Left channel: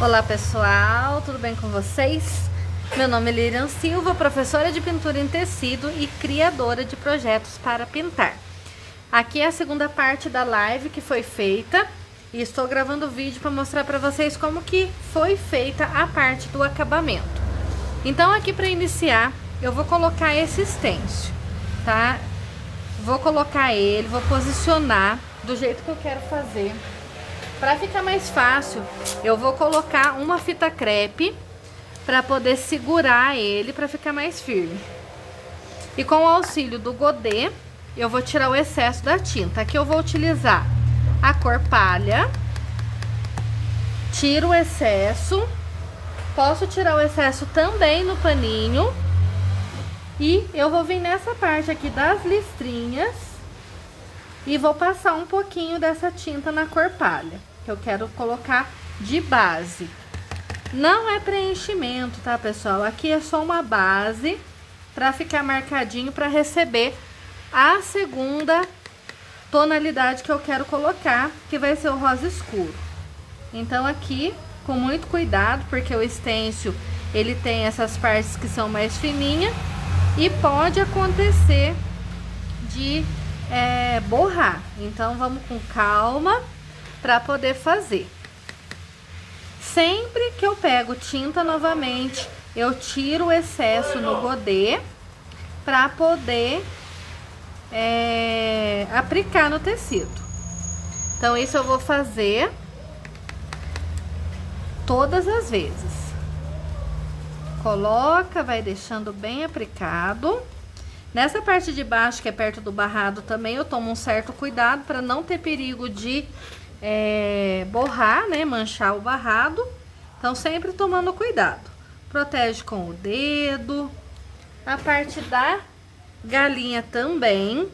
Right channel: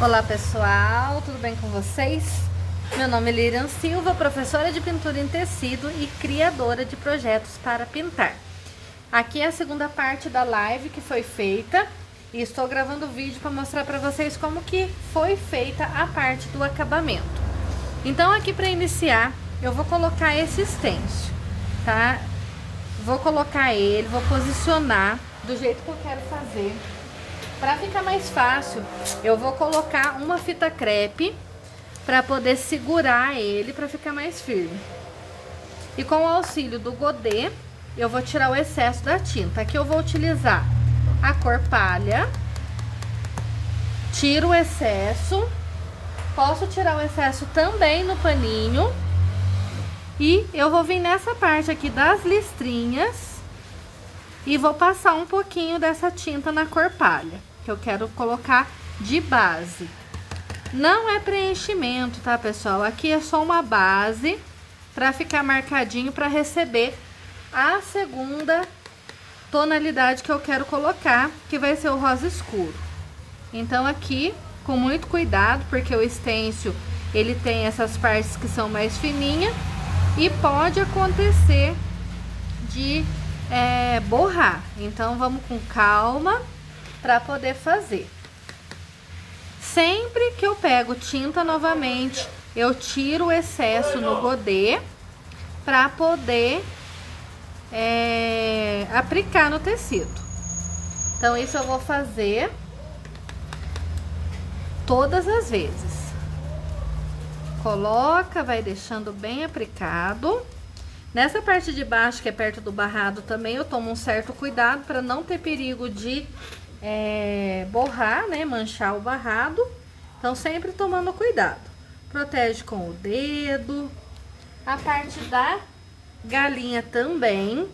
Olá pessoal, tudo bem com vocês? Meu nome é Lirian Silva, professora de pintura em tecido e criadora de projetos para pintar. Aqui é a segunda parte da live que foi feita e estou gravando o vídeo para mostrar para vocês como que foi feita a parte do acabamento. Então aqui para iniciar eu vou colocar esse stencil, tá? Vou colocar ele, vou posicionar do jeito que eu quero fazer. Para ficar mais fácil, eu vou colocar uma fita crepe para poder segurar ele, para ficar mais firme. E com o auxílio do godê, eu vou tirar o excesso da tinta. Aqui eu vou utilizar a cor palha. Tiro o excesso. Posso tirar o excesso também no paninho. E eu vou vir nessa parte aqui das listrinhas e vou passar um pouquinho dessa tinta na cor palha, que eu quero colocar de base. Não é preenchimento, tá, pessoal? Aqui é só uma base para ficar marcadinho para receber a segunda tonalidade que eu quero colocar, que vai ser o rosa escuro. Então aqui, com muito cuidado, porque o stencil, ele tem essas partes que são mais fininhas e pode acontecer de borrar. Então vamos com calma para poder fazer. Sempre que eu pego tinta novamente, eu tiro o excesso no godê para poder aplicar no tecido. Então isso eu vou fazer todas as vezes. Coloca, vai deixando bem aplicado. Nessa parte de baixo, que é perto do barrado, também eu tomo um certo cuidado para não ter perigo de borrar, né? Manchar o barrado. Então, sempre tomando cuidado. Protege com o dedo. A parte da galinha também.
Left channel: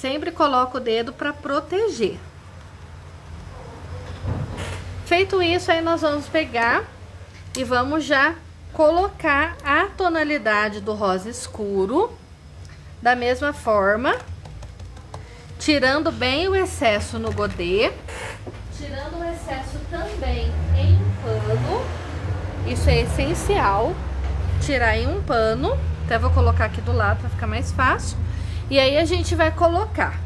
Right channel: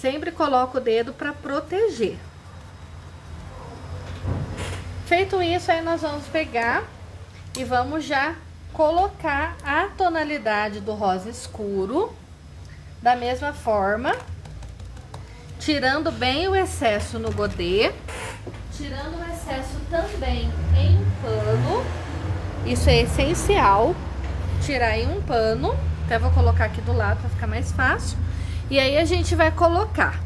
Sempre coloco o dedo para proteger. Feito isso, aí nós vamos pegar e vamos já colocar a tonalidade do rosa escuro. Da mesma forma, tirando bem o excesso no godê, tirando o excesso também em um pano. Isso é essencial, tirar em um pano. Até vou colocar aqui do lado para ficar mais fácil. E aí a gente vai colocar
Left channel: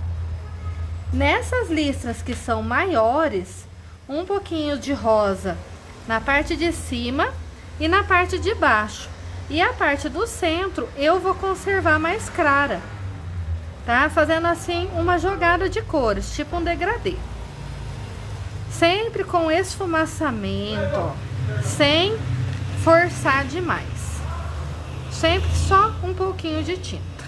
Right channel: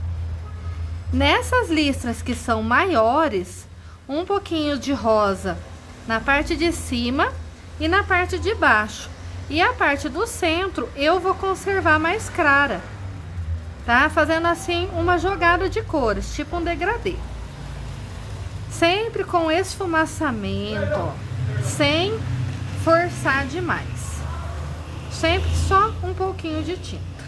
nessas listras que são maiores, um pouquinho de rosa na parte de cima e na parte de baixo. E a parte do centro eu vou conservar mais clara, tá? Fazendo assim uma jogada de cores, tipo um degradê. Sempre com esfumaçamento, ó, sem forçar demais. Sempre só um pouquinho de tinta.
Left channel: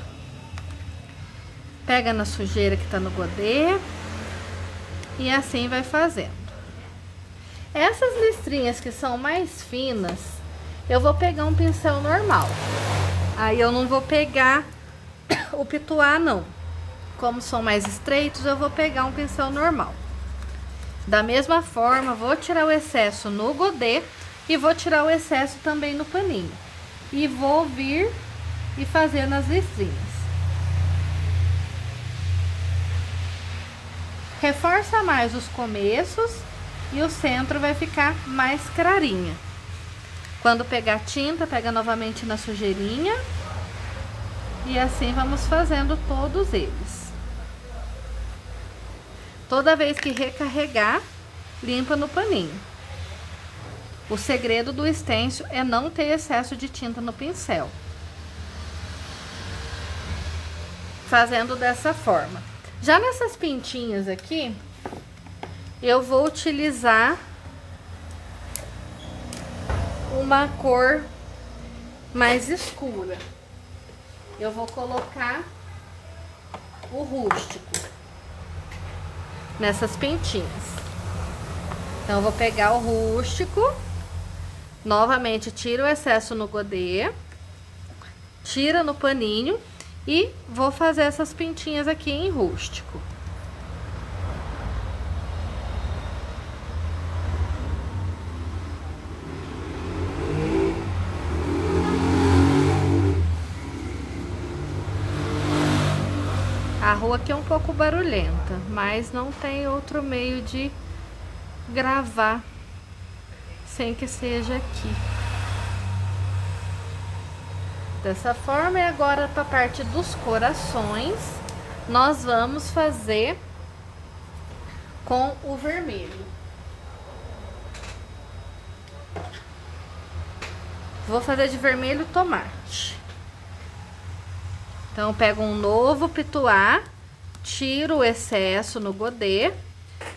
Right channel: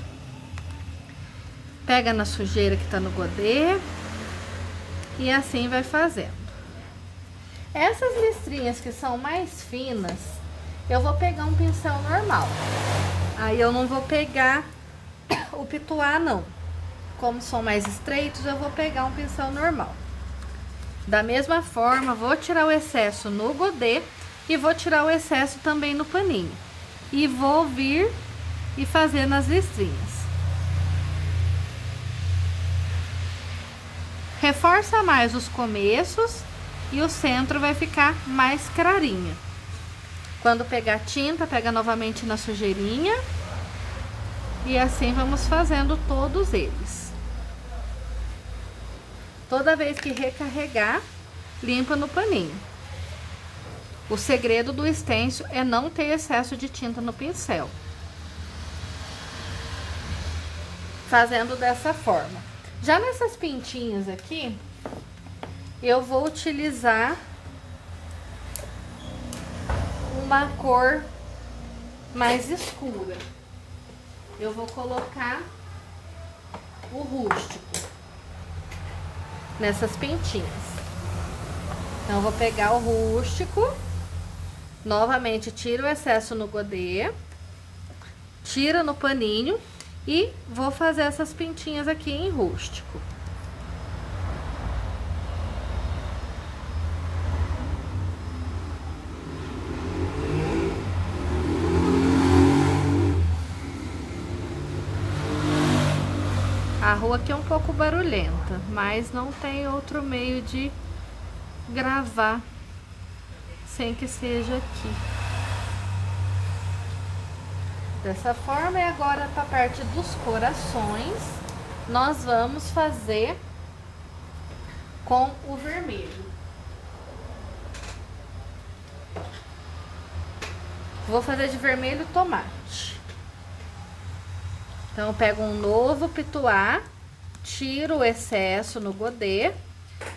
Pega na sujeira que tá no godê e assim vai fazendo. Essas listrinhas que são mais finas, eu vou pegar um pincel normal. Aí eu não vou pegar o pituá, não. Como são mais estreitos, eu vou pegar um pincel normal. Da mesma forma, vou tirar o excesso no godê e vou tirar o excesso também no paninho. E vou vir e fazer nas listrinhas. Reforça mais os começos e o centro vai ficar mais clarinho. Quando pegar tinta, pega novamente na sujeirinha. E assim vamos fazendo todos eles. Toda vez que recarregar, limpa no paninho. O segredo do stencil é não ter excesso de tinta no pincel. Fazendo dessa forma. Já nessas pintinhas aqui, eu vou utilizar uma cor mais escura. Eu vou colocar o rústico nessas pintinhas. Então eu vou pegar o rústico, novamente tiro o excesso no godê, tira no paninho e vou fazer essas pintinhas aqui em rústico. A rua aqui é um pouco barulhenta, mas não tem outro meio de gravar sem que seja aqui. Dessa forma, e agora para a parte dos corações, nós vamos fazer com o vermelho. Vou fazer de vermelho tomate. Então, eu pego um novo pituá, tiro o excesso no godê,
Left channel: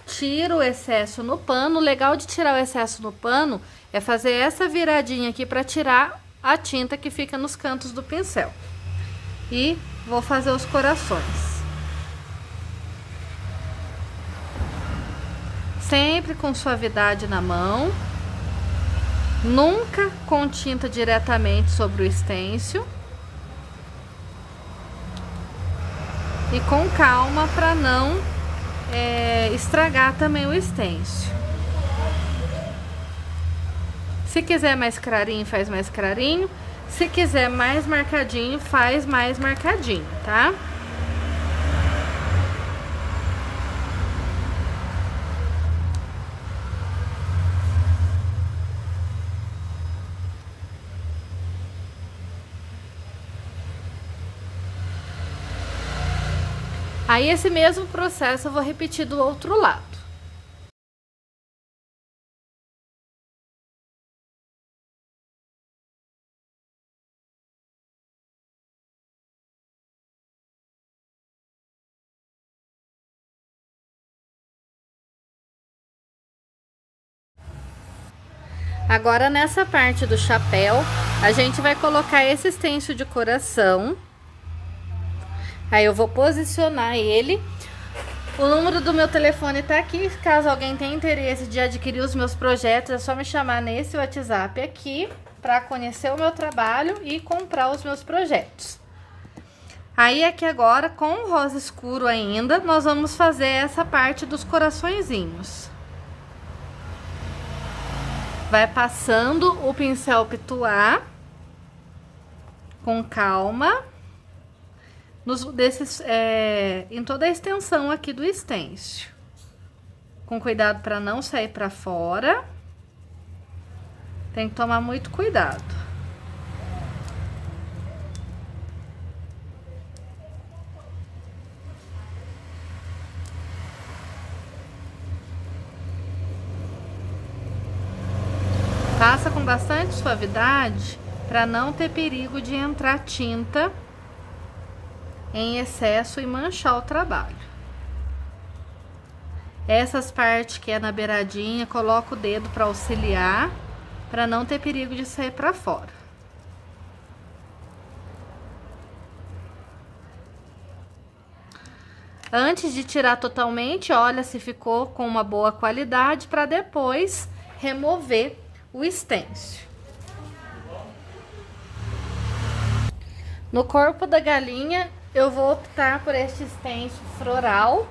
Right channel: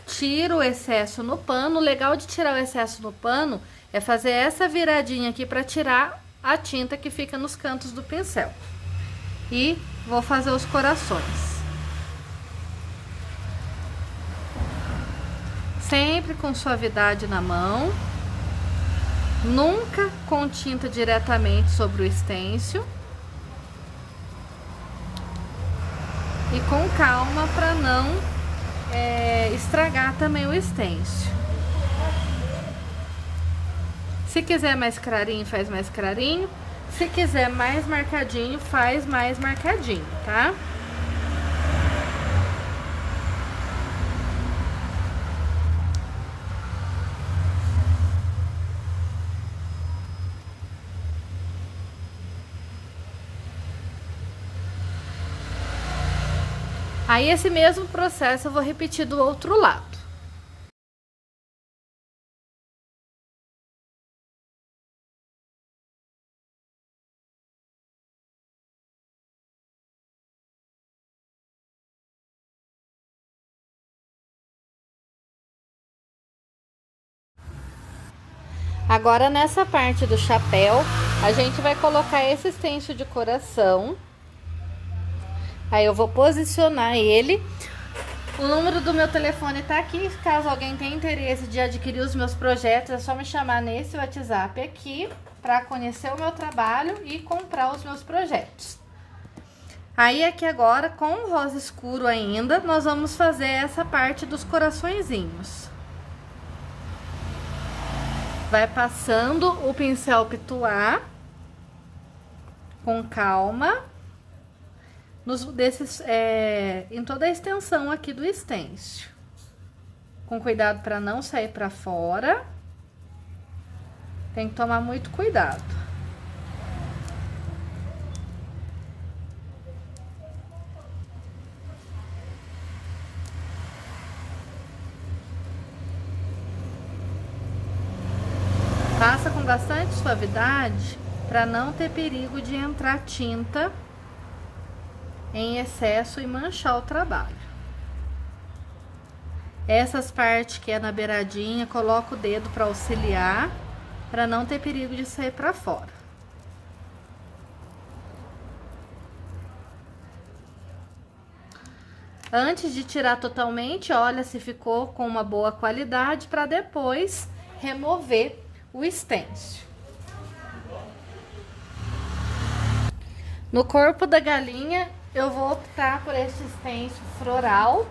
tiro o excesso no pano. O legal de tirar o excesso no pano é fazer essa viradinha aqui para tirar a tinta que fica nos cantos do pincel. E vou fazer os corações. Sempre com suavidade na mão. Nunca com tinta diretamente sobre o stencil. E com calma para não estragar também o stencil. Se quiser mais clarinho, faz mais clarinho. Se quiser mais marcadinho, faz mais marcadinho, tá? Aí, esse mesmo processo eu vou repetir do outro lado. Agora, nessa parte do chapéu, a gente vai colocar esse stencil de coração. Aí eu vou posicionar ele. O número do meu telefone tá aqui. Caso alguém tenha interesse de adquirir os meus projetos, é só me chamar nesse WhatsApp aqui para conhecer o meu trabalho e comprar os meus projetos. Aí aqui agora, com o rosa escuro ainda, nós vamos fazer essa parte dos coraçõezinhos. Vai passando o pincel pituá com calma. Em toda a extensão aqui do stencil. Com cuidado para não sair para fora. Tem que tomar muito cuidado. Passa com bastante suavidade para não ter perigo de entrar tinta em excesso e manchar o trabalho. Essas partes que é na beiradinha, coloco o dedo para auxiliar, para não ter perigo de sair para fora. Antes de tirar totalmente, olha se ficou com uma boa qualidade, para depois remover o stencil. No corpo da galinha, eu vou optar por este stencil floral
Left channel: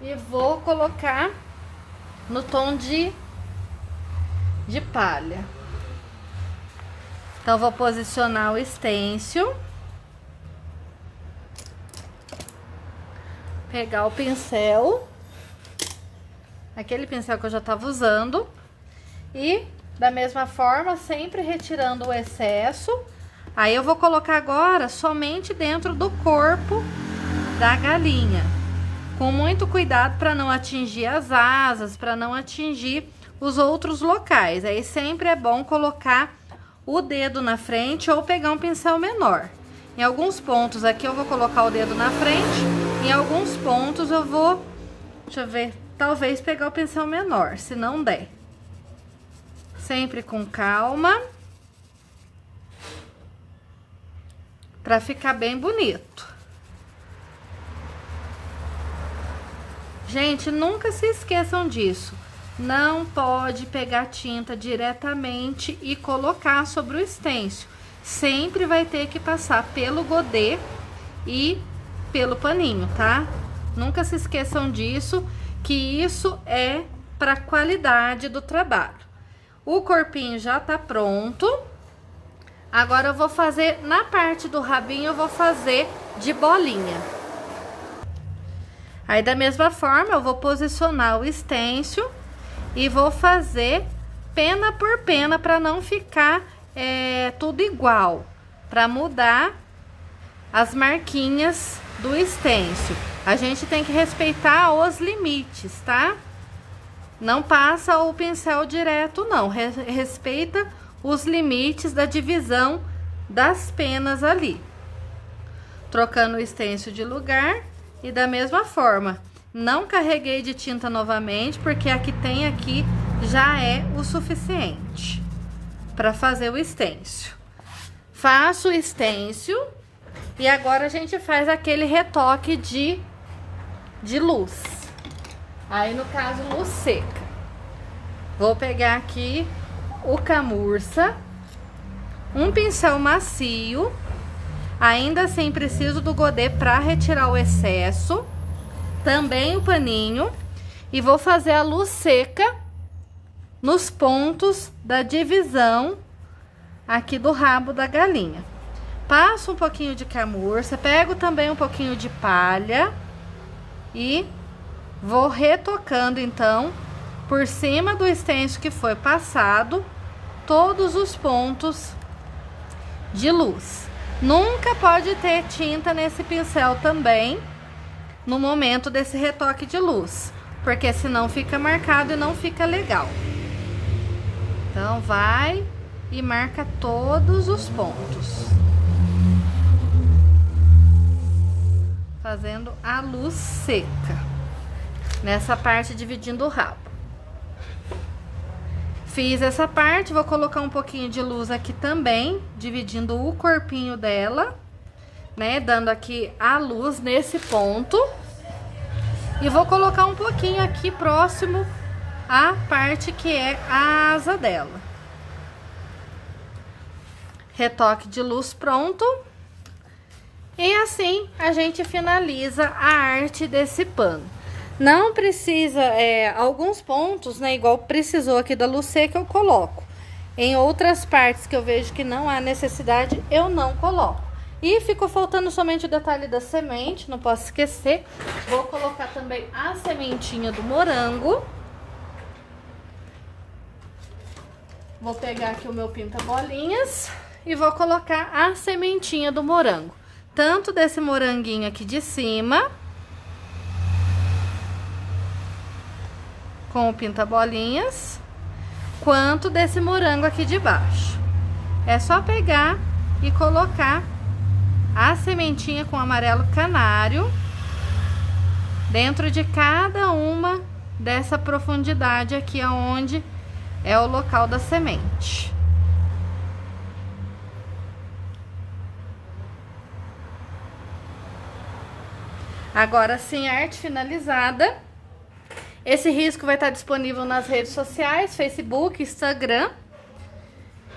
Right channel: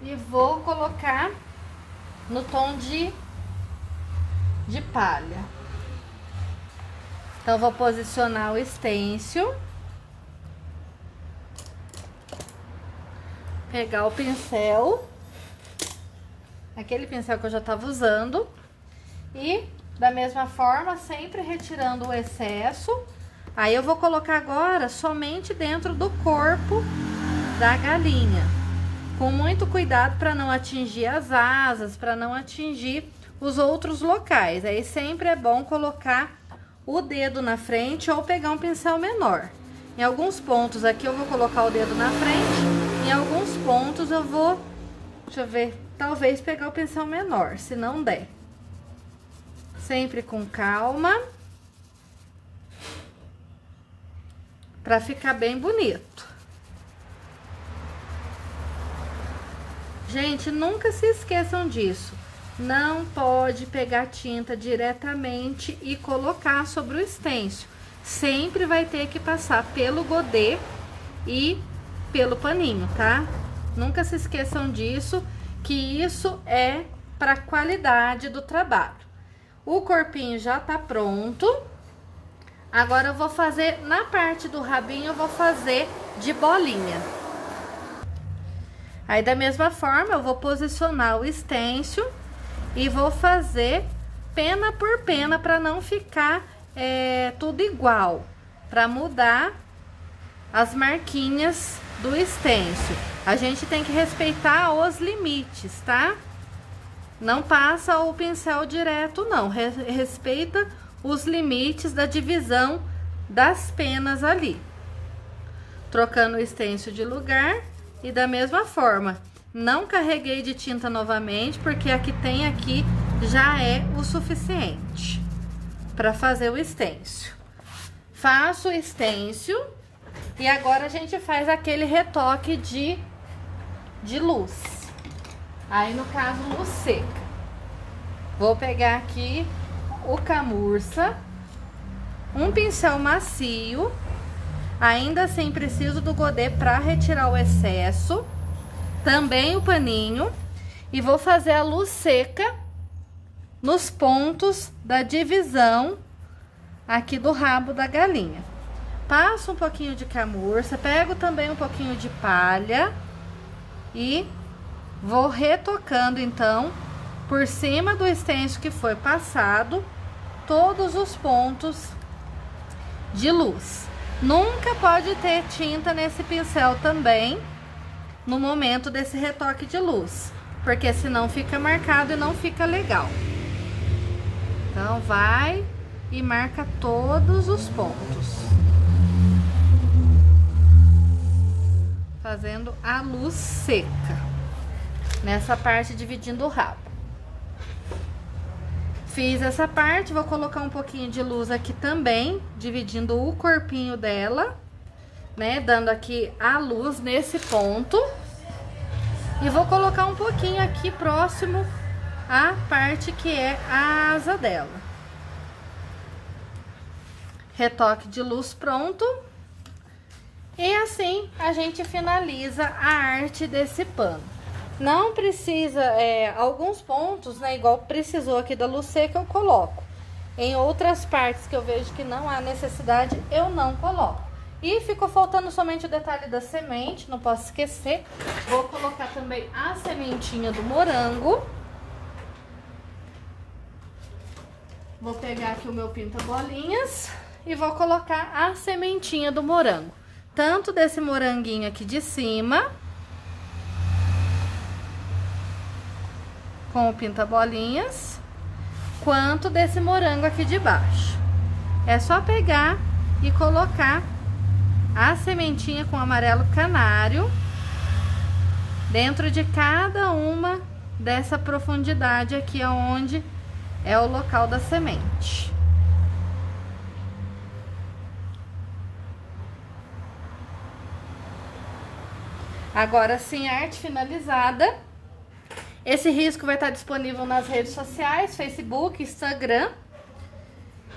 e vou colocar no tom de palha. Então, vou posicionar o stencil, pegar o pincel, aquele pincel que eu já estava usando, e da mesma forma, sempre retirando o excesso. Aí eu vou colocar agora somente dentro do corpo da galinha, com muito cuidado para não atingir as asas, para não atingir os outros locais. Aí sempre é bom colocar o dedo na frente ou pegar um pincel menor. Em alguns pontos aqui eu vou colocar o dedo na frente, em alguns pontos eu vou, deixa eu ver, talvez pegar o pincel menor, se não der. Sempre com calma, para ficar bem bonito. Gente, nunca se esqueçam disso. Não pode pegar tinta diretamente e colocar sobre o stencil. Sempre vai ter que passar pelo godê e pelo paninho, tá? Nunca se esqueçam disso, que isso é para qualidade do trabalho. O corpinho já tá pronto. Agora eu vou fazer, na parte do rabinho, eu vou fazer de bolinha. Aí, da mesma forma, eu vou posicionar o stencil e vou fazer pena por pena para não ficar tudo igual, para mudar as marquinhas do stencil. A gente tem que respeitar os limites, tá? Não passa o pincel direto, não. Respeita os limites da divisão das penas ali. Trocando o stencil de lugar e da mesma forma. Não carreguei de tinta novamente, porque a que tem aqui já é o suficiente para fazer o stencil. Faço o stencil e agora a gente faz aquele retoque de luz. Aí, no caso, luz seca. Vou pegar aqui o camurça, um pincel macio, ainda assim preciso do godê para retirar o excesso, também o paninho, e vou fazer a luz seca nos pontos da divisão aqui do rabo da galinha. Passo um pouquinho de camurça, pego também um pouquinho de palha e vou retocando, então, por cima do stencil que foi passado, todos os pontos de luz. Nunca pode ter tinta nesse pincel também, no momento desse retoque de luz, porque senão fica marcado e não fica legal. Então, vai e marca todos os pontos. Fazendo a luz seca. Nessa parte, dividindo o rabo. Fiz essa parte, vou colocar um pouquinho de luz aqui também, dividindo o corpinho dela, né? Dando aqui a luz nesse ponto. E vou colocar um pouquinho aqui próximo à parte que é a asa dela. Retoque de luz pronto. E assim a gente finaliza a arte desse pano. Não precisa, alguns pontos, né, igual precisou aqui da luz seca, eu coloco. Em outras partes que eu vejo que não há necessidade, eu não coloco. E ficou faltando somente o detalhe da semente, não posso esquecer. Vou colocar também a sementinha do morango. Vou pegar aqui o meu pinta-bolinhas e vou colocar a sementinha do morango. Tanto desse moranguinho aqui de cima, com o pinta-bolinhas, quanto desse morango aqui de baixo. É só pegar e colocar a sementinha com amarelo canário dentro de cada uma dessa profundidade aqui, aonde é o local da semente. Agora sim, a arte finalizada. Esse risco vai estar disponível nas redes sociais, Facebook, Instagram.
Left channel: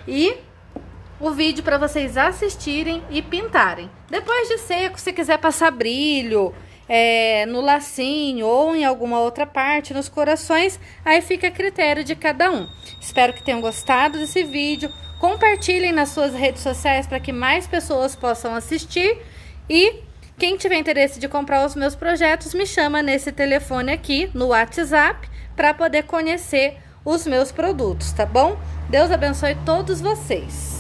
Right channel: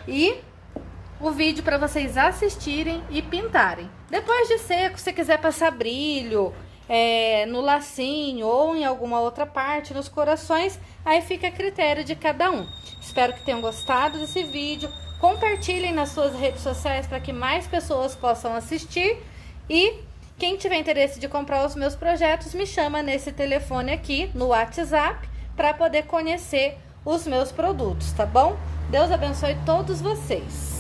E o vídeo para vocês assistirem e pintarem. Depois de seco, se quiser passar brilho no lacinho ou em alguma outra parte, nos corações, aí fica a critério de cada um. Espero que tenham gostado desse vídeo. Compartilhem nas suas redes sociais para que mais pessoas possam assistir. E quem tiver interesse de comprar os meus projetos, me chama nesse telefone aqui, no WhatsApp, para poder conhecer os meus produtos, tá bom? Deus abençoe todos vocês!